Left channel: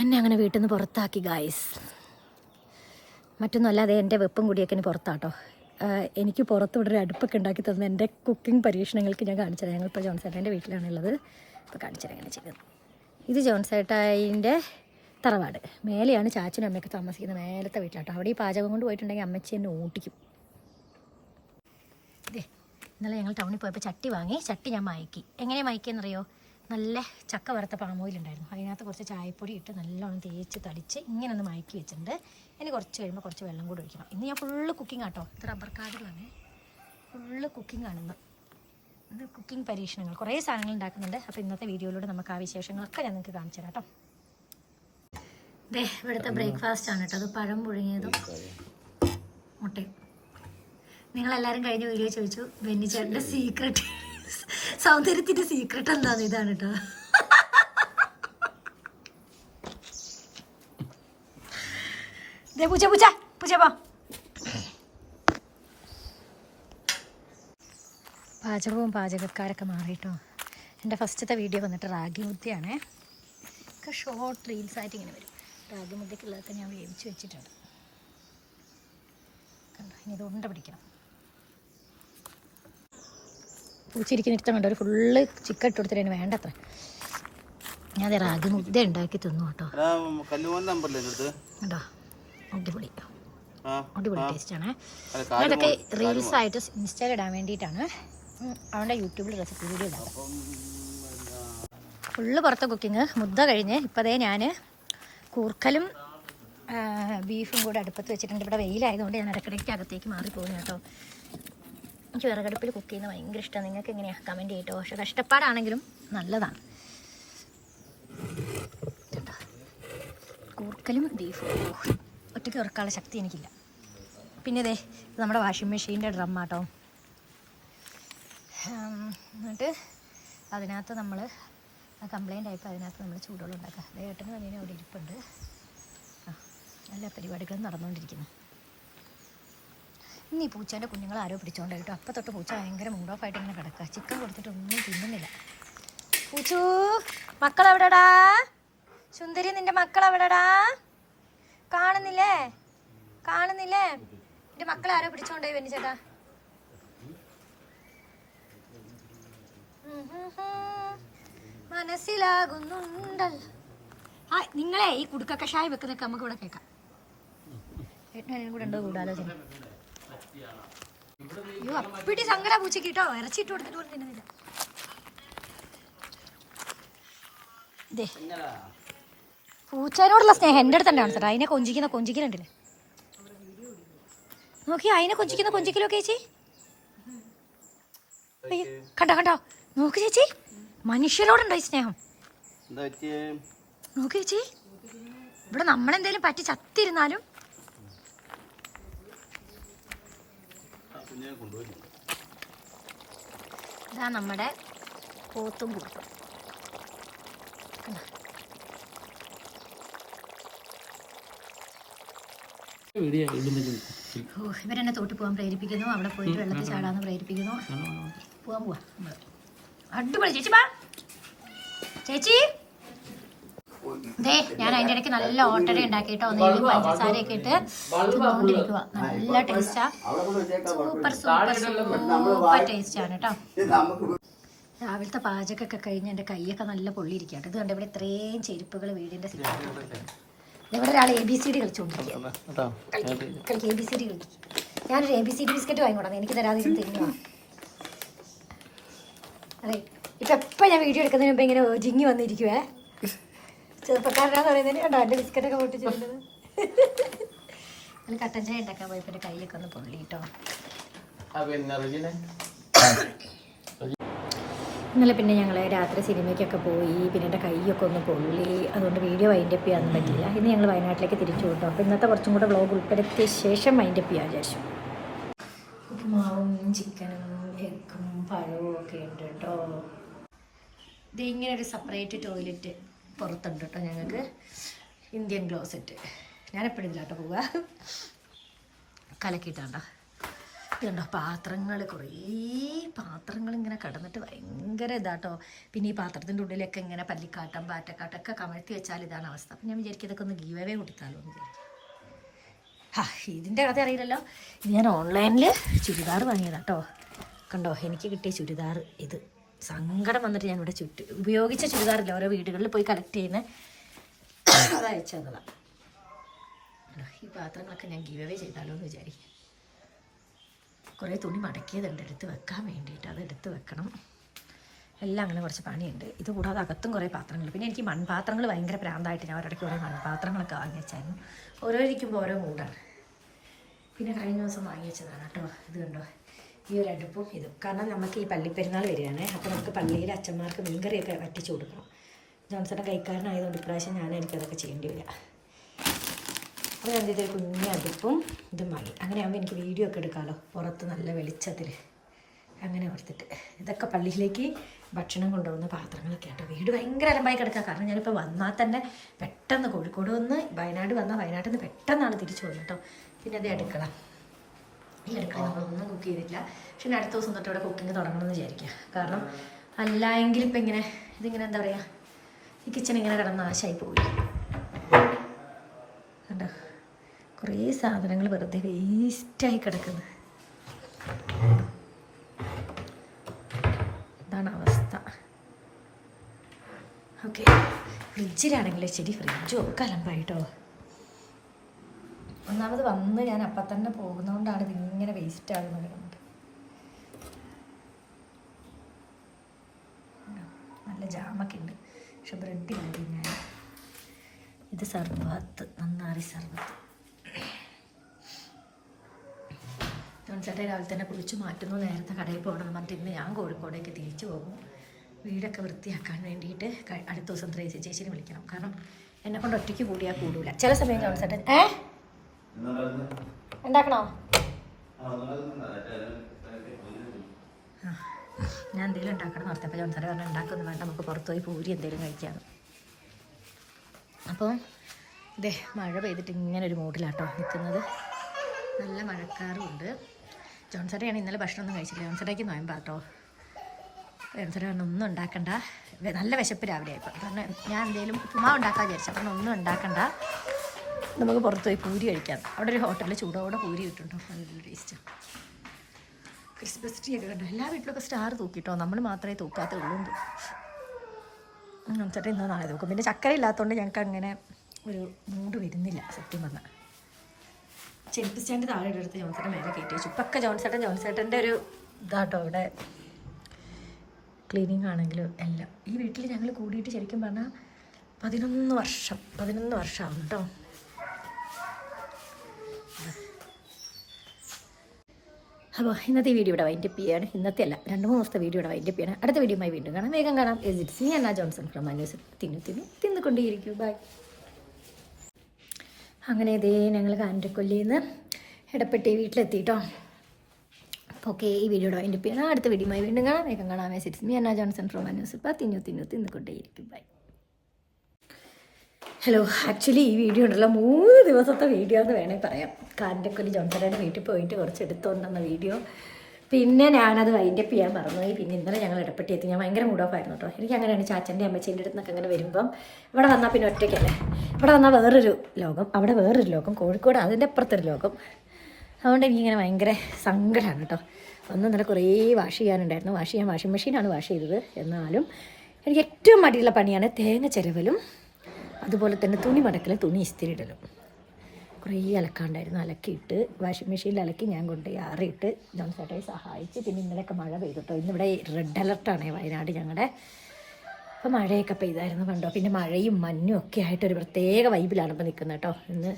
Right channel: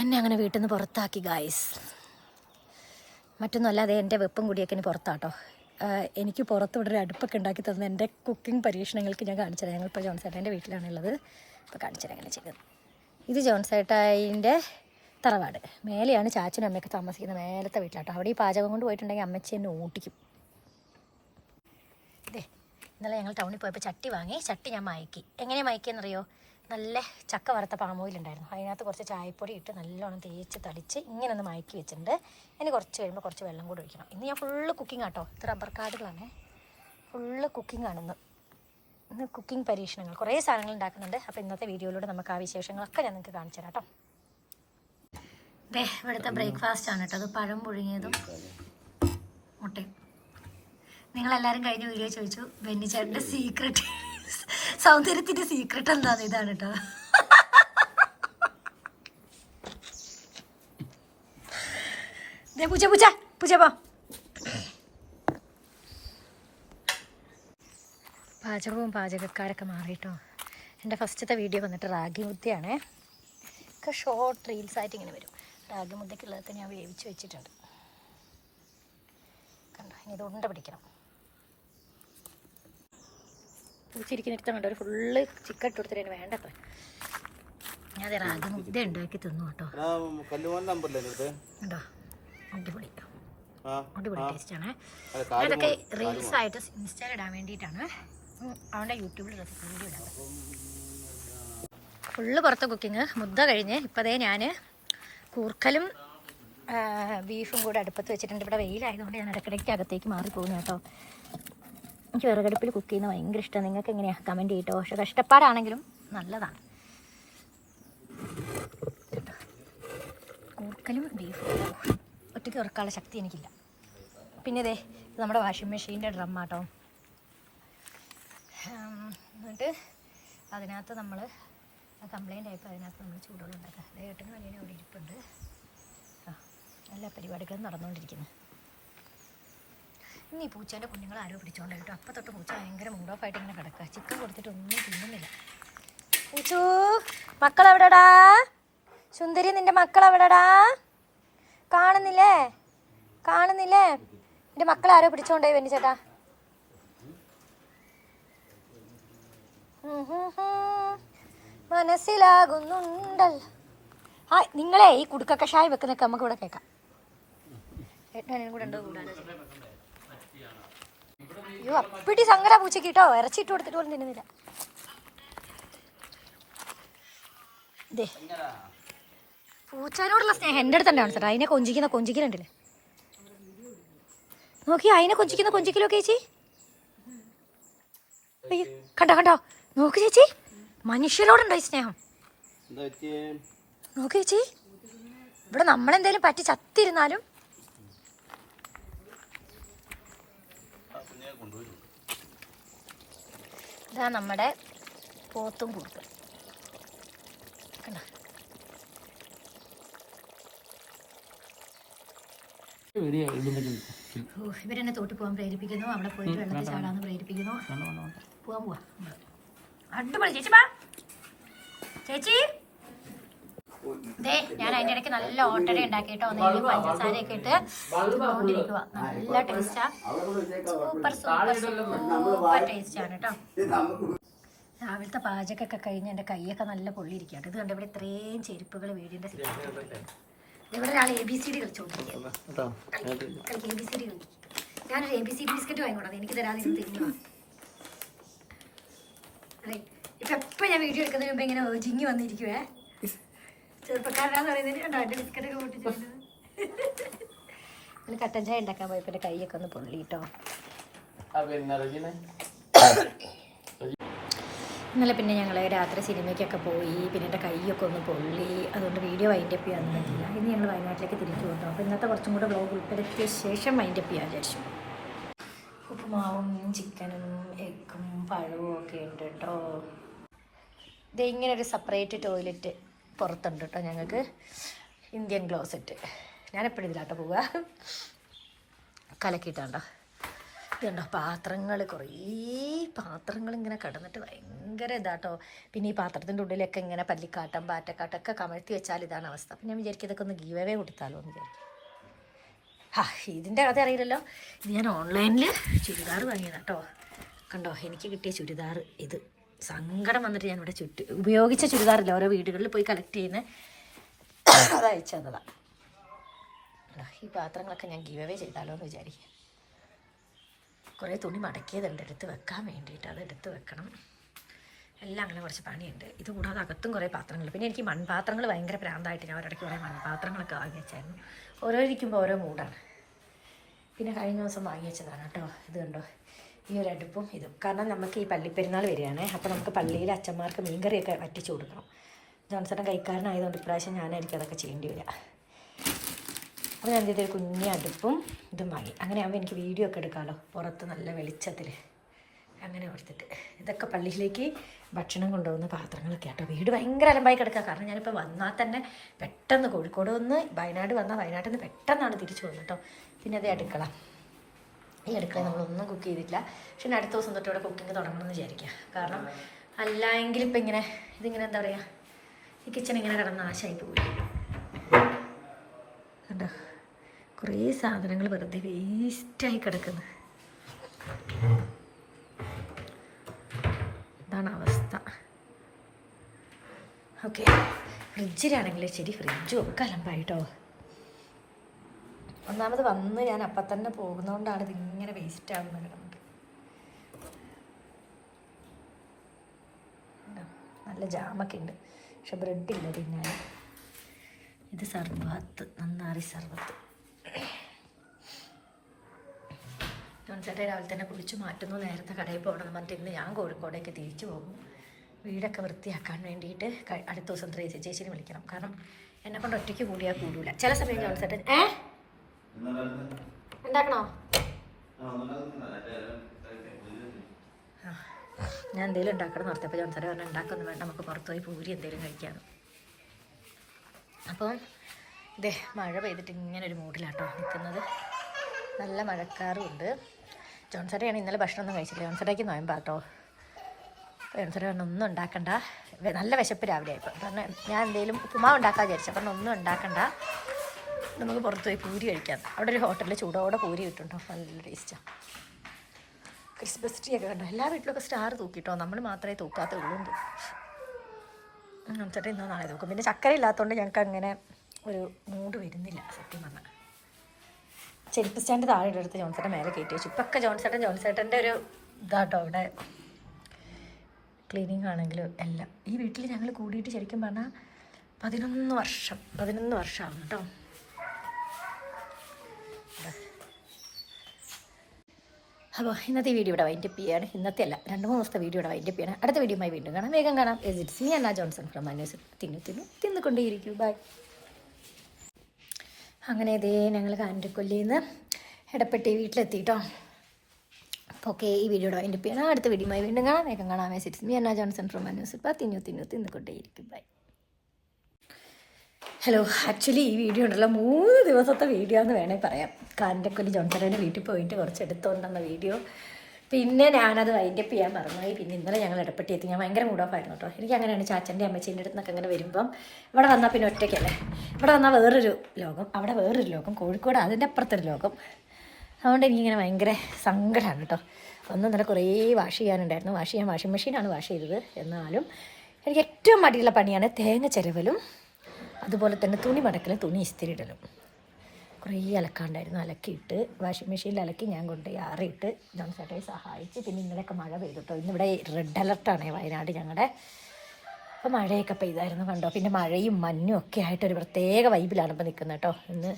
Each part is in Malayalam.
എന്നെ അങ്ങനെ വീട്ടിൽ നിന്ന് പുറത്താക്കി ഗായ്സ് മറ്റൊന്നുമല്ലാതെ എന്റെ വെപ്പും കൂടിയൊക്കെ പുറത്താട്ടോ. എനിക്ക് പുറത്ത് ഇവിടെ ഒരു അടുപ്പൊക്കെ ഉണ്ടാക്കി തന്ന എന്റെ കുക്കിംഗ് പരീക്ഷണങ്ങൾക്ക് ഞാൻ കാണിച്ചു തരാം. ഞങ്ങളിപ്പോൾ ജോൺസേട്ടന്റെ വീട്ടിലാണുള്ളത്. അപ്പോൾ കാണിച്ചു തരാം എങ്ങനെ ചെയ്തത് ഇത് ജോൺസേട്ടായിന്റെ തറവാട്. മേലെയാണ് ചാച്ചനും അമ്മയൊക്കെ താമസിക്കുന്നത്. മേലത്തെ വീട്ടിലാട്ടോ. അവിടെ ഈ പാചകം കൊണ്ട് പോയിട്ടുണ്ടെങ്കിൽ അമ്മച്ചി എന്നെ ഓട്ടിക്കും ഇതേ ഇന്നലെ ഞങ്ങൾ ടൗണിൽ പോയപ്പോൾ ചട്ടി വാങ്ങി. ചട്ടി ഞാൻ മയക്കി. എങ്ങനെ മയക്കിയെന്നറിയോ? നല്ല ചക്ക വറുത്ത പാമോയിലുണ്ടായിരുന്നു അതിനകത്ത് കുറച്ച് ചായപ്പൊടി ഇട്ട് നല്ലോണം തേച്ച് തടിച്ച് ഇങ്ങനെ ഒന്ന് മയക്കി വെച്ചിട്ടുണ്ട്. ഇനി കുറച്ച് കഴിയുമ്പോൾ കുറച്ച് വെള്ളം കൂടി ഒഴിക്കണം. ഇന്ന് ഞാൻ ഫുള്ള് കുക്കിംഗ് ആട്ടോ. ഇത് റബ്ബർ കാർഡുകളാണ്. ഫുള്ള് കുക്കിംഗ് ആണ് ഇന്ന്. കുക്കിംഗ് പരീക്ഷണങ്ങൾ. കുറേ സാധനങ്ങൾ ഉണ്ടാക്കുന്നുണ്ട്. അപ്പോൾ ഇന്നത്തെ വീഡിയോയിലൂടെ നമുക്ക് ആ വിശേഷങ്ങളൊക്കെ ഞാൻ നിങ്ങൾക്ക് കാണിച്ചു തരാം കേട്ടോ. ഇവിടുത്തെ ബ്രേക്ക്ഫാസ്റ്റ് ആണ് കേട്ടോ. അത് പഴം പുഴുങ്ങിയതും മുട്ടയും. നിങ്ങളെല്ലാവരും കഴിഞ്ഞ വീഡിയോ ചോദിച്ചു ബെന്നിച്ചേട്ടന്റെ സീക്രട്ട് സൗന്ദര്യത്തിന്റെ സീക്രട്ട് എന്താന്ന് ഇതാണ് കേട്ടോ പൂച്ച പൂച്ച പൂച്ച പോ. പാചകവും പാചകക്കാരൊക്കെ മാറിയിട്ടോ എന്റെ ഫസ്റ്റത്തെ വീഡിയോ വന്നിട്ട് റാഗി മുദ്ദയാണേ ഒക്കെ ഷോർട്ട് റീൽസ് ആയിട്ട് ഇങ്ങനെ വരും. റാഗി മുദ്ദയ്ക്കുള്ളതൊക്കെ ഞാൻ വേവിച്ച് വെച്ചിട്ടുണ്ട്. കണ്ടോ? ഇനി ഇത് ഉണ്ട പിടിക്കണം. പൂച്ചിരിക്കുന്ന ഇഷ്ടം കണ്ടോ. ഒരു ഫുള്ള് ചിക്കൻ ഇട്ട് കൊടുത്തിട്ട് വേണ്ടത്ര. ഞാൻ റാഗി മുദ്ദ ഉണ്ടാക്കി തിന്നു കേട്ടോ. കണ്ടോ അടിപൊളി. അടിപൊളി ടേസ്റ്റാണ് ഇതൊക്കെ റീൽസ് ആയിട്ട് ഇൻസ്റ്റയിൽ ഇടാൻ വേണ്ടിയിട്ടാണ്. അവന്റെ യൂട്യൂബിൽ റെസിപ്പി വീഡിയോ ഇടാം. ഫുള്ള് പുറത്തെ കുക്കിങ് മുദ്ദ കഴിഞ്ഞ് ഇപ്പതേ ഞാൻ കൂർക്കലും ബീഫും കൂടെ അടുപ്പത്ത് വെച്ചിട്ടുണ്ട്. ഇവിടെ വെയിലായതുകൊണ്ട് ഞാൻ ഇടയ്ക്കിടയ്ക്ക് അകത്തേക്ക് മാറിപ്പോകുന്നു കേട്ടോ. എനിക്ക് വിറകടുപ്പിൽ കുക്ക് ചെയ്യുന്നത് ഭയങ്കര ഇഷ്ടമാണ് നിങ്ങൾക്ക് എങ്ങനെയാണ് കമന്റ് ചെയ്യട്ടോ. പക്ഷെ കഷ്ടപ്പാടാണെങ്കിലും നല്ലതാണ്. കൂർക്കലും ബീഫും ഒറ്റയ്ക്ക് ഉറക്കാനുള്ള ശക്തി എനിക്കില്ല. പിന്നെ ഇതേ ഇത് നമ്മുടെ വാഷിംഗ് മെഷീന്റെ ഡ്രം ആട്ടോ. എന്നിട്ട് അതിനകത്ത് നമ്മൾ കംപ്ലൈന്റ് ആയപ്പോൾ അതിനകത്ത് നമ്മൾ ചൂടുവെള്ളം ഉണ്ടാക്കുക. അതേ ഏട്ടന് വലിയ അവിടെ ഇരിപ്പുണ്ട്. ആ എല്ലാ പരിപാടികളും നടന്നുകൊണ്ടിരിക്കുന്നു. ഇനി പൂച്ചേന്റെ കുഞ്ഞുങ്ങൾ ആരോ പിടിച്ചോണ്ട് കേട്ടോ അപ്പം തൊട്ട് പൂച്ച ഭയങ്കര മൂഡ് ഓഫ് ആയിട്ട് ഇങ്ങനെ കിടക്കുക ചിക്കൻ കൊടുത്തിട്ട് ഒന്നും തിന്നുന്നില്ല. പൂച്ചു മക്കളെവിടെടാ? സുന്ദരി നിന്റെ മക്കൾ എവിടെടാ കാണുന്നില്ലേ? കാണുന്നില്ലേ? എന്റെ മക്കളെ ആരോ പിടിച്ചോണ്ടേ വെന്നി ചേട്ടാ. മനസ്സിലാകുന്നുണ്ടൽ ആ നിങ്ങളെ ഈ കുടുക്ക കഷായം വെക്കുന്നൊക്കെ നമുക്ക് ഇവിടെ കേൾക്കാം. ഏട്ടനും കൂടെ ഉണ്ടോ കൂടാലോചന? അയ്യോ അപ്പിടി സങ്കട പൂച്ചക്ക് കിട്ടോ ഇറച്ചിട്ട് കൊടുത്തിട്ട് തിന്നുന്നില്ല. ദേ. പൂച്ചേനോടുള്ള സ്നേഹം എന്റെ അടുത്ത് തന്നെയാണ് സാർ അതിനെ കൊഞ്ചിക്കുന്ന കൊഞ്ചിക്കലുണ്ടല്ലേ നോക്കി അതിനെ കൊഞ്ചിക്കുന്ന കൊഞ്ചിക്കലോ ചേച്ചി? അയ്യോ കണ്ടോ കണ്ടോ? നോക്ക് ചേച്ചി. മനുഷ്യരോടുണ്ടോ ഈ സ്നേഹം? നോക്ക് ചേച്ചി. ഇവിടെ നമ്മളെന്തേലും പറ്റി ചത്തിരുന്നാലും കൊണ്ടുപോയി ഇതാ നമ്മുടെ പോത്തും കൂട്ടും കണ്ടോ? ഓ ഇവരെന്നെ തോട്ട് പോകാൻ പ്രേരിപ്പിക്കുന്നു. അവിടെ പോയിട്ട് വെള്ളത്തിൽ ചാടാന്ന് പ്രേരിപ്പിക്കുന്നു. പോവാൻ പോവാ. അടിപൊളി ചേച്ചി പാ. ചേച്ചി? ദേ ഞാൻ അതിന്റെ ഇടയ്ക്ക് നല്ല ഓട്ടട ഉണ്ടാക്കിട്ടോ നെയ്യും പഞ്ചസാരയൊക്കെ ഇട്ട് തിന്നുകൊണ്ടിരിക്കുക നല്ല ടേസ്റ്റാ സൂപ്പർ സൂപ്പർ സൂപ്പർ ടേസ്റ്റ് ആണ് കേട്ടോ. രാവിലത്തെ പാചകമൊക്കെ കഴിഞ്ഞ് എന്റെ കൈയൊക്കെ നല്ല പൊള്ളിയിരിക്കുക ഇത് കണ്ട് ഇവിടെ ഇത്രയും ചെരുപ്പുകൾ വീടിന്റെ ഇവിടെ ഒരാൾ എ ബി സി ഡി കളിച്ചുകൊണ്ടിരിക്കുക എ ബി സി ഡി കളിക്കും ഞാനൊരു A B C D biscuit വാങ്ങിക്കൊണ്ടു എനിക്ക് തരാതെ തരുന്ന അതെ ഇപ്പൊ എപ്പോൾ ഞാൻ വീഡിയോ എടുക്കുന്നതിന് മുമ്പ് ഇങ്ങനെ ജിങ്ങി വന്നിരിക്കുവേ? ചെറുപ്പക്കാരനാന്ന് പറയുന്നതിന് കണ്ടോ? എന്റെ ബിസ്ക്കറ്റൊക്കെ പൊട്ടിച്ചിട്ടുണ്ട് ഞാൻ കട്ടൻ ചായ ഉണ്ടാക്കാൻ പോയപ്പോൾ എന്റെ കൈയൊക്കെ ഒന്ന് പൊള്ളി കേട്ടോ ഇന്നലെ പിന്നെ ഞങ്ങൾ രാത്രി സിനിമയ്ക്കൊക്കെ പോയി പിന്നെ എന്റെ കൈയൊക്കെ ഒന്ന് പൊള്ളി. അതുകൊണ്ട് വീഡിയോ വൈൻഡപ്പ് ചെയ്യാൻ പറ്റില്ല പിന്നെ ഞങ്ങൾ വയനാട്ടിലേക്ക് തിരിച്ചു പോട്ടോ. അപ്പോൾ ഇന്നത്തെ കുറച്ചും കൂടെ വ്ളോഗ് ഉൾപ്പെടുത്തിയ ശേഷം വൈൻഡപ്പ് ചെയ്യാൻ വിചാരിച്ചു. ഉപ്പുമാവും ചിക്കനും എഗ്ഗും പഴവും ഒക്കെ ഉണ്ട് കേട്ടോ ഇത് ഇങ്ങനെ ഒരു സെപ്പറേറ്റ് ടോയ്ലറ്റ് പുറത്തുണ്ട് കേട്ടോ ഞങ്ങൾക്ക് ഇന്ത്യൻ ക്ലോസറ്റ്. ഞാനെപ്പോഴും ഇതിലാട്ടോ പോവുക കലക്കിയിട്ടാണ്ടോ? ഇതുണ്ടോ? പാത്രങ്ങൾ കുറേ പാത്രങ്ങൾ ഇങ്ങനെ കിടന്നിട്ട് ഭയങ്കര ഇതാട്ടോ പിന്നെ ഈ പാത്രത്തിന്റെ ഉള്ളിലൊക്കെ ഇങ്ങനെ പല്ലിക്കാട്ടം പാറ്റക്കാട്ടൊക്കെ കമഴ്ത്തി വെച്ചാൽ ഇതാണ് അവസ്ഥ. അപ്പം ഞാൻ വിചാരിക്കും ഇതൊക്കെ ഒന്ന് ഗീവവേ കൊടുത്താലോ എന്ന് വിചാരിക്കും. ആ ഇതിന്റെ കഥ അറിയില്ലല്ലോ. ഞാൻ ഓൺലൈനിൽ ചുരിദാർ വാങ്ങിയതാട്ടോ കണ്ടോ? എനിക്ക് കിട്ടിയ ചുരിദാർ ഇത്. സങ്കടം വന്നിട്ട് ഞാൻ ഇവിടെ ചുറ്റി ഉപയോഗിച്ച ചുരിദാറില്ല. ഓരോ വീടുകളിൽ പോയി കളക്ട് ചെയ്യുന്ന അത് അയച്ചു തന്നതാണ് ഈ പാത്രങ്ങളൊക്കെ ഞാൻ ഗീവ് അവേ ചെയ്താലോ എന്ന് വിചാരിക്കും കുറേ തുണി മടക്കിയതുണ്ട് എടുത്ത് വെക്കാൻ വേണ്ടിയിട്ട് അത് എടുത്ത് വെക്കണം. എല്ലാം അങ്ങനെ കുറച്ച് പണിയുണ്ട്. ഇത് കൂടാതെ അകത്തും കുറേ പാത്രങ്ങൾ. പിന്നെ എനിക്ക് മൺപാത്രങ്ങൾ ഭയങ്കര പ്രാന്തായിട്ട് ഞാൻ ഒരിടയ്ക്ക് കുറേ മൺപാത്രങ്ങളൊക്കെ വാങ്ങി വെച്ചായിരുന്നു. ഓരോ ഇരിക്കുമ്പോൾ ഓരോ മൂടാണ് പിന്നെ കഴിഞ്ഞ ദിവസം വാങ്ങി വെച്ചതാണ് കേട്ടോ. ഇത് കണ്ടോ? ഈ ഒരു അടുപ്പും ഇതും. കാരണം നമുക്ക് ഈ പള്ളിപ്പെരുന്നാൾ വരികയാണേ അപ്പോൾ നമുക്ക് പള്ളിയിൽ അച്ഛന്മാർക്ക് മീൻകറിയൊക്കെ വറ്റിച്ച് കൊടുക്കണം. ജോൺസൺ കൈക്കാരനായതുകൊണ്ട് ഇപ്രാവശ്യം ഞാൻ എനിക്കതൊക്കെ ചെയ്യേണ്ടി വരിക. അപ്പോൾ ഞാൻ ഇതൊരു കുഞ്ഞി അടുപ്പും ഇതും വാങ്ങി. അങ്ങനെ ആകുമ്പോൾ എനിക്ക് വീഡിയോ ഒക്കെ എടുക്കാമല്ലോ പുറത്ത് നല്ല വെളിച്ചത്തിൽ അങ്ങനെ ഓർത്തിട്ട് ഇതൊക്കെ പള്ളിയിലേക്ക് ഭക്ഷണം കൊണ്ടുപോകുന്ന പാത്രങ്ങളൊക്കെ ആട്ടോ. വീട് ഭയങ്കര അലമ്പായി കിടക്കുക. കാരണം ഞാനിപ്പോൾ വന്നാൽ തന്നെ പെട്ടെന്ന് കോഴിക്കോട് വന്ന് വയനാട് വന്നാൽ വയനാട്ടിൽ നിന്ന് പെട്ടെന്നാണ് തിരിച്ചു പോകുന്നത് കേട്ടോ. പിന്നെ അതേ അടുക്കള ഈ അടുക്കള നമ്മളൊന്നും കുക്ക് ചെയ്തിട്ടില്ല. പക്ഷെ ഇനി അടുത്ത ദിവസം തൊട്ട് ഇവിടെ കുക്കിംഗ് തുടങ്ങണമെന്ന് വിചാരിക്കുക കാരണം അല്ല എങ്കിൽ ഇപ്പം ഇങ്ങനെ ഇതിങ്ങനെ എന്താ പറയുക ഈ കിച്ചൺ ഇങ്ങനെ കിടന്ന് നാശമായി പോയി. കണ്ടോ? കുറേ സാധനങ്ങൾ വെറുതെ വേസ്റ്റായി കിടക്കുന്നു. ഇതാണ് അവസ്ഥ. ഓക്കെ ഫ്രിഡ്ജിലാണെങ്കിൽ ശരി ഫ്രിഡ്ജും ഒക്കെ അലമ്പായിട്ടോ ഒന്നാമത് വന്ന് ഞാൻ അപ്പം തന്നെ പോകുന്നതുകൊണ്ടാണ് ഇതിങ്ങനെ വേസ്റ്റ് ആകുന്നത് നമുക്ക്? നല്ല ജാമൊക്കെ ഉണ്ട്. പക്ഷെ ബ്രെഡ് ബ്രെഡില്ല പിന്നെ. ഇത് സർബത്ത് നന്നാറി സർബത്ത്. ജോൺസേട്ടൻ രാവിലെ തന്നെ കുളിച്ച് മാറ്റുന്നു. നേരത്തെ കടയിൽ പോകണം പറഞ്ഞിട്ട് ഇന്ന് ഞാൻ കോഴിക്കോടേക്ക് തിരിച്ചു പോകും. വീടൊക്കെ വൃത്തിയാക്കാൻ വേണ്ടിയിട്ട് അടുത്ത ദിവസം ത്രേസ്യ ചേച്ചിനെ വിളിക്കണം. കാരണം എന്നെ കൊണ്ട് ഒറ്റയ്ക്ക് കൂടിയാൽ കൂടൂല. ചില സമയം ജോൺസേട്ടൻ ഏ? ഉണ്ടാക്കണോ? ഞാൻ എന്തെങ്കിലും ഉണ്ടാക്കണം എന്ന് ഓർത്തപ്പോൾ ജോൺസേട്ടൻ പറഞ്ഞാൽ ഉണ്ടാക്കൊന്നും വേണ്ട നമുക്ക് പുറത്തുപോയി പൂരി എന്തെങ്കിലും കഴിക്കാം അപ്പോൾ ഇതേ മഴ പെയ്തിട്ട് ഇങ്ങനെ ഒരു മൂഡിലാട്ടോ നിൽക്കുന്നത് നല്ല മഴക്കാറും ഉണ്ട്. ജോൺസറയാണ് ഇന്നലെ ഭക്ഷണമൊന്നും കഴിച്ചില്ല. ജോൺസറയ്ക്ക് നോയമ്പാട്ടോ ജോൺസറ പറഞ്ഞു ഒന്നും ഉണ്ടാക്കണ്ട. നല്ല വിശപ്പ് രാവിലെ ആയപ്പോൾ പറഞ്ഞു ഞാൻ എന്തെങ്കിലും ഉപ്പുമാവ് ഉണ്ടാക്കാൻ വിചാരിച്ചു. പറഞ്ഞു ഒന്നും ഉണ്ടാക്കണ്ട. നമുക്ക് പുറത്ത് പോയി പൂരി കഴിക്കാം. അവിടെ ഒരു ഹോട്ടലിൽ ചൂടോടെ പൂരി കിട്ടുണ്ടോ നല്ല ടേസ്റ്റാണ് ക്രിസ്മസ് ട്രീ ഒക്കെ കണ്ടോ? എല്ലാ വീട്ടിലൊക്കെ സ്റ്റാർ തൂക്കിട്ടോ? നമ്മൾ മാത്രമേ തൂക്കാത്ത ഉള്ളൂ നമുക്കിട്ട് ഇന്നോ നാളെ തൂക്കും. പിന്നെ ചക്കര ഇല്ലാത്തതുകൊണ്ട് ഞങ്ങൾക്ക് അങ്ങനെ ഒരു മൂഡ് വരുന്നില്ല സത്യം പറഞ്ഞാൽ ചെരുപ്പ് സ്റ്റാൻഡ് താഴെ എടുത്ത് ജോൺസേട്ടൻ മേലെ കയറ്റി വെച്ചു. ഇപ്പൊക്കെ ജോൺസേട്ടൻ ജോൺസേട്ടന്റെ ഒരു ഇതാട്ടോ അവിടെ. ക്ലീനിങ് ആണെങ്കിലും എല്ലാം. ഈ വീട്ടിൽ ഞങ്ങൾ കൂടിയിട്ട് ശരിക്കും പറഞ്ഞാൽ പതിനൊന്ന് വർഷം പതിനൊന്ന് വർഷമാകും കേട്ടോ അപ്പോൾ ഇന്നത്തെ വീഡിയോ ഇവിടെ വൈൻഡപ്പ് ചെയ്യാണ്. ഇന്നത്തെ അല്ല രണ്ട് മൂന്ന് ദിവസത്തെ വീഡിയോ ഇവിടെ വൈൻഡപ്പ് ചെയ്യണം. അടുത്ത വീഡിയോയുമായി വീണ്ടും കാണാം. വേഗം കാണാം. It's C Anna Johnson from അന്വേസ് തിന്നു തിന്നു തിന്നുകൊണ്ടേയിരിക്കും. ബൈ അങ്ങനെ ഇതേ ഞങ്ങൾ കാഞ്ഞിരക്കൊല്ലിയിൽ നിന്ന് ഇടപ്പെട്ടി വീട്ടിലെത്തിയിട്ടോ ഓക്കെ ഈ വീഡിയോയുടെ വൈൻഡപ്പ് ചെയ്യണം. അടുത്ത വീഡിയോയുമായി വീണ്ടും കാണാം. വേഗം കാണാം. It's C Anna Johnson from minus തിന്നു തിന്നു തിന്നുകൊണ്ടേയിരിക്കും. ബൈ ഹലോ ആക്ച്വലി ഈ വീഡിയോ ഉണ്ടല്ലോ. മൂന്ന് ദിവസത്തെ വീഡിയോ എന്ന് വേണമെങ്കിൽ പറയാം. കാരന്റെക്കൊല്ലി ജോൺസറേന്റെ വീട്ടിൽ പോയിട്ട് കുറച്ച് എടുത്തുകൊണ്ടുവന്ന വീഡിയോ പിന്നെ ഞാനത് വൈൻഡപ്പ് ചെയ്യാൻ മറന്നുപോയി. പിന്നെ ഇന്നലെ ഞങ്ങൾ ഇടപെട്ടി എത്തി ഞാൻ ഭയങ്കര മൂഡ് ഓഫ് ആയിരുന്നു കേട്ടോ. എനിക്ക് അങ്ങനെയാണ് ചാച്ചന്റെ അമ്മച്ചേന്റെ അടുത്ത് നിന്നൊക്കെ അങ്ങനെ വരുമ്പം ഇവിടെ വന്നാൽ പിന്നെ ഒറ്റയ്ക്കല്ലേ? ഇവിടെ വന്നാൽ വേറൊരു ലോകം. അവിടെ വേറൊരു ലോകം. കോഴിക്കോട് അതിന്റെ അപ്പുറത്തൊരു ലോകം. അതുകൊണ്ട് എനിക്കിങ്ങനെ ഭയങ്കര സങ്കടമാണ് കേട്ടോ. ഒന്നും ഇന്നലെ കുറേ വാഷ് ചെയ്യാനുണ്ടായിരുന്നു. വാഷ് ചെയ്യാൻ വാഷിംഗ് മെഷീനാണ് വാഷ് ചെയ്തത്. എന്നാലും എനിക്ക് ഏറ്റവും മടിയുള്ള പണിയാണ് തേങ്ങ ചിരവലും അതുപോലെ തന്നെ തുണി മടക്കൽ തുണി ഇസ്തിരിയിടലും. കുറേ അലക്കാണ്ടായിരുന്നു. അലക്കിയിട്ട് വാഷിംഗ് മെഷീനിൽ അലക്കി ഞാൻ കൊണ്ടുപോയി ആറിയിട്ട് ജോൺസേട്ടയെ സഹായിച്ച്. പിന്നെ ഇന്നലെയൊക്കെ മഴ പെയ്തിട്ടോ. ഇന്നിവിടെ റെഡ് അലർട്ടാണ് വയനാട് ഞങ്ങളുടെ അപ്പോൾ മഴയൊക്കെ പെയ്തായിരുന്നു കണ്ടോ. പിന്നെ മഴയും മഞ്ഞും ഒക്കെ ആയിട്ട് ഒരു പ്രത്യേക വൈബിലാണ് ഇപ്പോൾ നിൽക്കുന്നത് കേട്ടോ. ഇന്ന്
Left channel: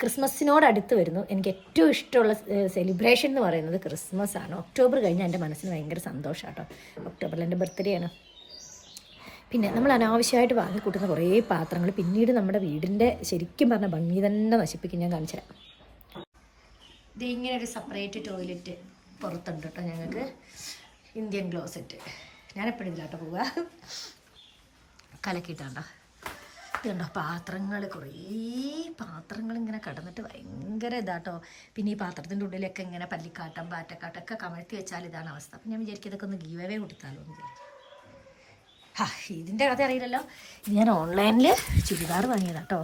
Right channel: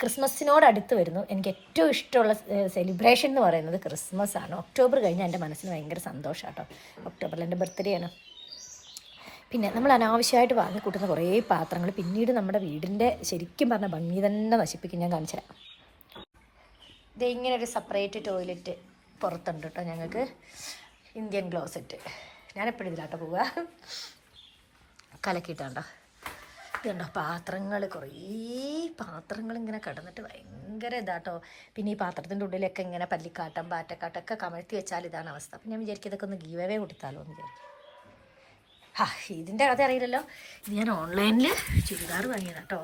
ക്രിസ്മസിനോട് അടുത്ത് വരുന്നു. എനിക്ക് ഏറ്റവും ഇഷ്ടമുള്ള സെലിബ്രേഷൻ എന്ന് പറയുന്നത് ക്രിസ്മസ് ആണ് ഒക്ടോബർ കഴിഞ്ഞാൽ എന്റെ മനസ്സിന് ഭയങ്കര സന്തോഷമാണ് കേട്ടോ ഒക്ടോബറിൽ എന്റെ ബർത്ത്ഡേ ആണ്. പിന്നെ നമ്മൾ അനാവശ്യമായിട്ട് വാങ്ങിക്കൂട്ടുന്ന കുറേ പാത്രങ്ങൾ പിന്നീട് നമ്മുടെ വീടിന്റെ ശരിക്കും പറഞ്ഞ ഭംഗി തന്നെ നശിപ്പിക്കും. ഞാൻ കാണിച്ചു തരാം. ഇങ്ങനെ ഒരു സെപ്പറേറ്റ് ടോയ്ലറ്റ് പുറത്തുണ്ട് കേട്ടോ ഞങ്ങൾക്ക്. ഇന്ത്യൻ ക്ലോസറ്റ് ഞാനെപ്പോഴും ഇതിലാട്ടോ പോവുക. കലക്കിയിട്ടാണ്ടോ? ഇതുണ്ടോ പാത്രങ്ങൾ കുറേ പാത്രങ്ങൾ ഇങ്ങനെ കിടന്നിട്ട് ഭയങ്കര ഇതാട്ടോ. പിന്നെ ഈ പാത്രത്തിന്റെ ഉള്ളിലൊക്കെ ഇങ്ങനെ പല്ലിക്കാട്ടം പാറ്റക്കാട്ടൊക്കെ കമഴ്ത്തി വെച്ചാൽ ഇതാണ് അവസ്ഥ. അപ്പം ഞാൻ വിചാരിക്കും ഇതൊക്കെ ഒന്ന് ഗീവവേ കൊടുത്താലോ എന്ന് വിചാരിക്കും. ആ ഇതിന്റെ കഥ അറിയില്ലല്ലോ. ഞാൻ ഓൺലൈനിൽ ചുരിദാർ വാങ്ങിയതാണ് കേട്ടോ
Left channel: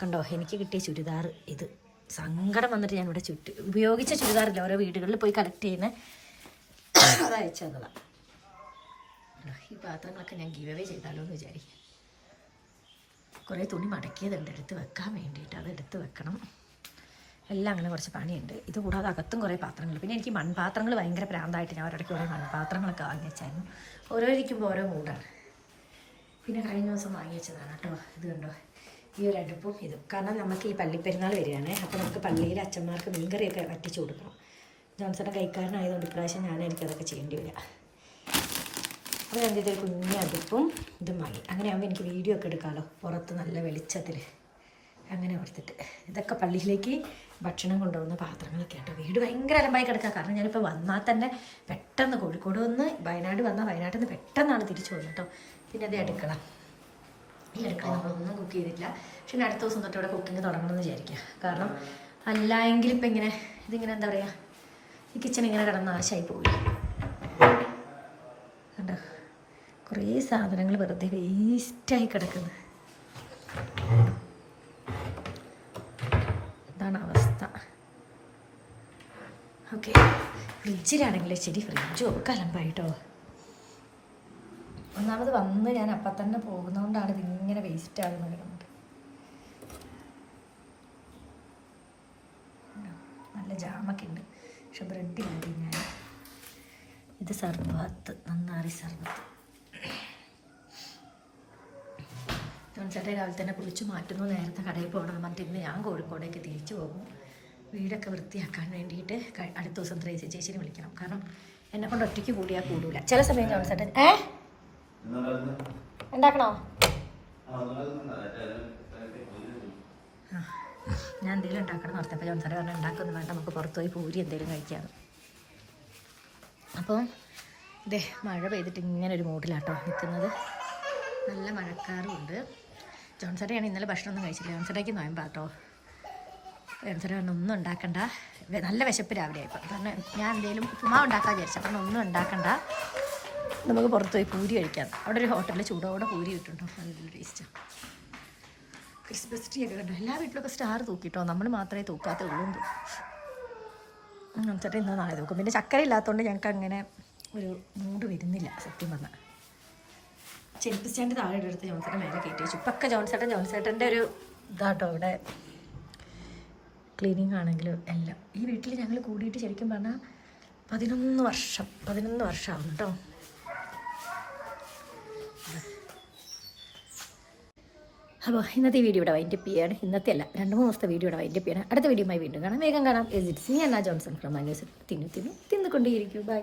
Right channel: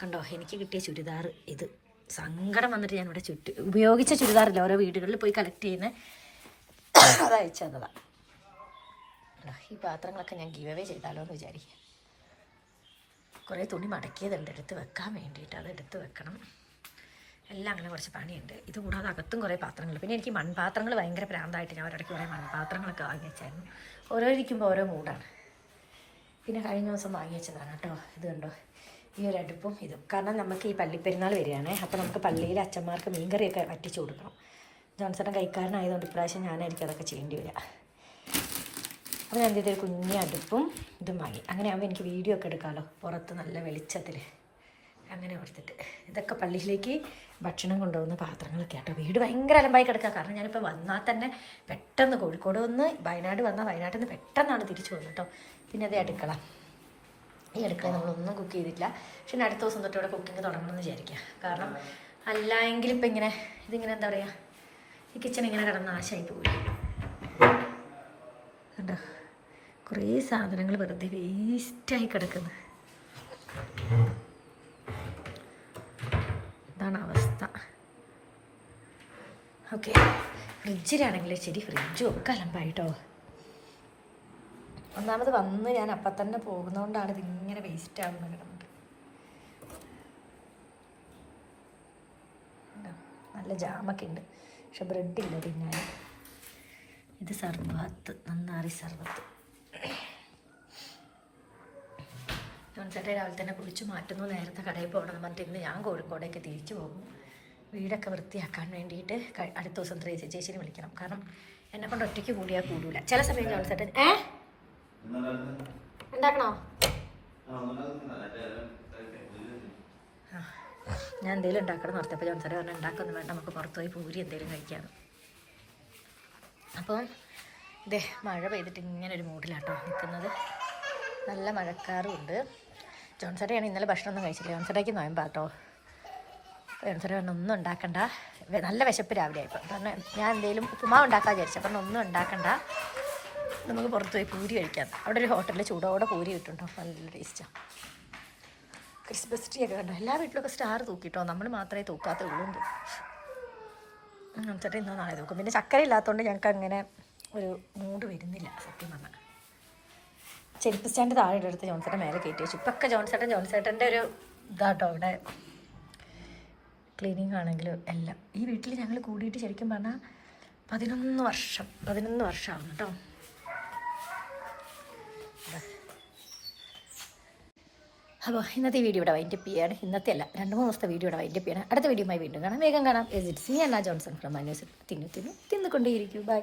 കണ്ടോ എനിക്ക് കിട്ടിയ ചുരിദാർ ഇത്. സങ്കടം വന്നിട്ട് ഞാൻ ഇവിടെ ചുറ്റി ഉപയോഗിച്ച ചുരിദാറില്ല ഓരോ വീടുകളിൽ പോയി കളക്ട് ചെയ്യുന്ന അത് അയച്ചു തന്നതാണ് ഈ പാത്രങ്ങളൊക്കെ ഞാൻ ഗീവ് അവേ ചെയ്താലോ എന്ന് വിചാരിക്കും. കുറേ തുണി മടക്കിയതുണ്ട് എടുത്ത് വെക്കാൻ വേണ്ടിയിട്ട് അത് എടുത്ത് വെക്കണം. എല്ലാം അങ്ങനെ കുറച്ച് പണിയുണ്ട്. ഇത് കൂടാതെ അകത്തും കുറേ പാത്രങ്ങൾ. പിന്നെ എനിക്ക് മൺപാത്രങ്ങൾ ഭയങ്കര പ്രാന്തായിട്ട് ഞാൻ ഒരിടയ്ക്ക് കുറേ മൺപാത്രങ്ങളൊക്കെ വാങ്ങി വെച്ചായിരുന്നു. ഓരോ ഇരിക്കുമ്പോൾ ഓരോ മൂടാണ് പിന്നെ കഴിഞ്ഞ ദിവസം വാങ്ങി വെച്ചതാണ് കേട്ടോ. ഇത് കണ്ടോ? ഈ ഒരു അടുപ്പും ഇതും. കാരണം നമുക്ക് ഈ പള്ളിപ്പെരുന്നാൾ വരികയാണേ അപ്പോൾ നമുക്ക് പള്ളിയിലെ അച്ഛന്മാർക്ക് മീൻകറിയൊക്കെ വറ്റിച്ചു കൊടുക്കണം. ജോൺസൺ കൈക്കാരനായതുകൊണ്ട് ഇപ്രാവശ്യം ഞാൻ എനിക്കതൊക്കെ ചെയ്യേണ്ടി വരിക. അപ്പോൾ ഞാൻ ചെയ്തൊരു കുഞ്ഞി അടുപ്പും ഇതും വാങ്ങി. അങ്ങനെ ആകുമ്പോൾ എനിക്ക് വീഡിയോ ഒക്കെ എടുക്കാമല്ലോ പുറത്ത് നല്ല വെളിച്ചത്തിൽ അങ്ങനെ ഓർത്തിട്ട് ഇതൊക്കെ പള്ളിയിലേക്ക് ഭക്ഷണം കൊണ്ടുപോകുന്ന പാത്രങ്ങളൊക്കെ ആട്ടോ. വീട് ഭയങ്കര അലമ്പായി കിടക്കുക കാരണം ഞാനിപ്പോൾ വന്നാൽ തന്നെ പെട്ടെന്ന് കോഴിക്കോട് വന്ന് വയനാട് വന്നാൽ വയനാട്ടിൽ നിന്ന് പെട്ടെന്നാണ് തിരിച്ചു പോകുന്നത് കേട്ടോ. പിന്നെ അത് അടുക്കള ഈ അടുക്കള നമ്മളൊന്നും കുക്ക് ചെയ്തിട്ടില്ല. പക്ഷെ അടുത്ത ദിവസം തൊട്ട് ഇവിടെ കുക്കിംഗ് തുടങ്ങണമെന്ന് വിചാരിക്കുക കാരണം അല്ല എങ്കിൽ ഇപ്പം ഇങ്ങനെ ഇതിങ്ങനെ എന്താ പറയുക ഈ കിച്ചൺ ഇങ്ങനെ കിടന്ന നാശമായി പോയി. കണ്ടോ? കുറേ സാധനങ്ങൾ വെറുതെ വേസ്റ്റായി കിടക്കുന്നു. ഇതാണ് അവസ്ഥ. ഓക്കെ ഫ്രിഡ്ജിലാണെങ്കിൽ ശരി ഫ്രിഡ്ജും ഒക്കെ അലമ്പായിട്ടോ ഒന്നാമത് വന്ന് ഞാൻ അപ്പം തന്നെ പോകുന്നതുകൊണ്ടാണ് ഇതിങ്ങനെ വേസ്റ്റ് ആകുന്നത് കിടന്നത്? നല്ല ജാമൊക്കെ ഉണ്ട്. പക്ഷെ ബ്രെഡില്ല തിന്നാൻ ഇത് സർബത്ത് നന്നാറി സർബത്ത്. ജോൺസേട്ടൻ രാവിലെ തന്നെ കുളിച്ച് മാറ്റുന്നു. നേരത്തെ കടയിൽ പോകണം പറഞ്ഞിട്ട് ഇന്ന് ഞാൻ കോഴിക്കോടേക്ക് തിരിച്ചു പോകും. വീടൊക്കെ വൃത്തിയാക്കാൻ വേണ്ടിയിട്ട് അടുത്ത ദിവസം ത്രേ ചേച്ചിനെ വിളിക്കണം. കാരണം എന്നെ കൊണ്ട് ഒറ്റയ്ക്ക് കൂടിയാൽ കൂടൂല. ചില സമയം ജോൺസേട്ടൻ ഏ? ഉണ്ടാക്കണോ? ഞാൻ എന്തെങ്കിലും ഉണ്ടാക്കണം നിർത്തിയപ്പോൾ ജോൺസേട്ടൻ പറഞ്ഞാൽ ഉണ്ടാക്കൊന്നും വേണ്ട നമുക്ക് പുറത്തുപോയി പൂരി എന്തെങ്കിലും കഴിക്കാം. അപ്പോൾ ഇതേ മഴ പെയ്തിട്ട് ഇങ്ങനെ ഒരു മൂഡിലാട്ടോ നിൽക്കുന്നത്. നല്ല മഴക്കാറും ഉണ്ട്. ജോൺസറയാണ് ഇന്നലെ ഭക്ഷണമൊന്നും കഴിച്ചില്ല. ജോൺസറയ്ക്ക് നോയമ്പാട്ടോ. ജോൺസറ പറഞ്ഞു ഒന്നും ഉണ്ടാക്കണ്ട. നല്ല വിശപ്പ് രാവിലെ ആയിപ്പോൾ പറഞ്ഞു ഞാൻ എന്തെങ്കിലും ഉപ്പുമാവ് ഉണ്ടാക്കാൻ വിചാരിച്ചു. അപ്പം ഒന്നും ഉണ്ടാക്കണ്ട. നമുക്ക് പുറത്ത് പോയി പൂരി കഴിക്കാം. അവിടെ ഒരു ഹോട്ടലിൽ ചൂടോടെ പൂരി കിട്ടുണ്ടോ നല്ല ടേസ്റ്റാണ് ക്രിസ്മസ് ട്രീ ഒക്കെ കണ്ടോ? എല്ലാ വീട്ടിലൊക്കെ സ്റ്റാർ തൂക്കിട്ടോ? നമ്മൾ മാത്രമേ തൂക്കാത്തേ ഉള്ളൂ ചേട്ടാ ഇന്നോ നാളെ തൂക്കും. പിന്നെ ചക്കര ഇല്ലാത്തതുകൊണ്ട് ഞങ്ങൾക്ക് അങ്ങനെ ഒരു മൂഡ് വരുന്നില്ല സത്യം പറഞ്ഞാൽ ചെരുപ്പ് സ്റ്റാൻഡ് താഴെ എടുത്ത് ജോൺസേട്ടൻ മേലെ കയറ്റി വെച്ചു. ഇപ്പൊക്കെ ജോൺസേട്ടൻ ജോൺസേട്ടന്റെ ഒരു ഇതാട്ടോ ഇവിടെ. ക്ലീനിങ് ആണെങ്കിലും എല്ലാം. ഈ വീട്ടിൽ ഞങ്ങൾ കൂടിയിട്ട് ശരിക്കും പറഞ്ഞാൽ പതിനൊന്ന് വർഷം പതിനൊന്ന് വർഷമാണ് കേട്ടോ. അപ്പോൾ ഇന്നത്തെ വീഡിയോ ഇവിടെ വൈൻഡപ്പ് ചെയ്യാണ്. ഇന്നത്തെ അല്ല രണ്ട് മൂന്ന് ദിവസത്തെ വീഡിയോ ഇവിടെ വൈൻഡപ്പ് ചെയ്യണം. അടുത്ത വീഡിയോയുമായി വീണ്ടും കാണാം. വേഗം കാണാം. എസ് ഇറ്റ്സ് ഞാൻ ജോൺസൺ ഫ്രം അന്വേഷണം തിന്നു തിന്നു തിന്നുകൊണ്ടേയിരിക്കും. ബൈ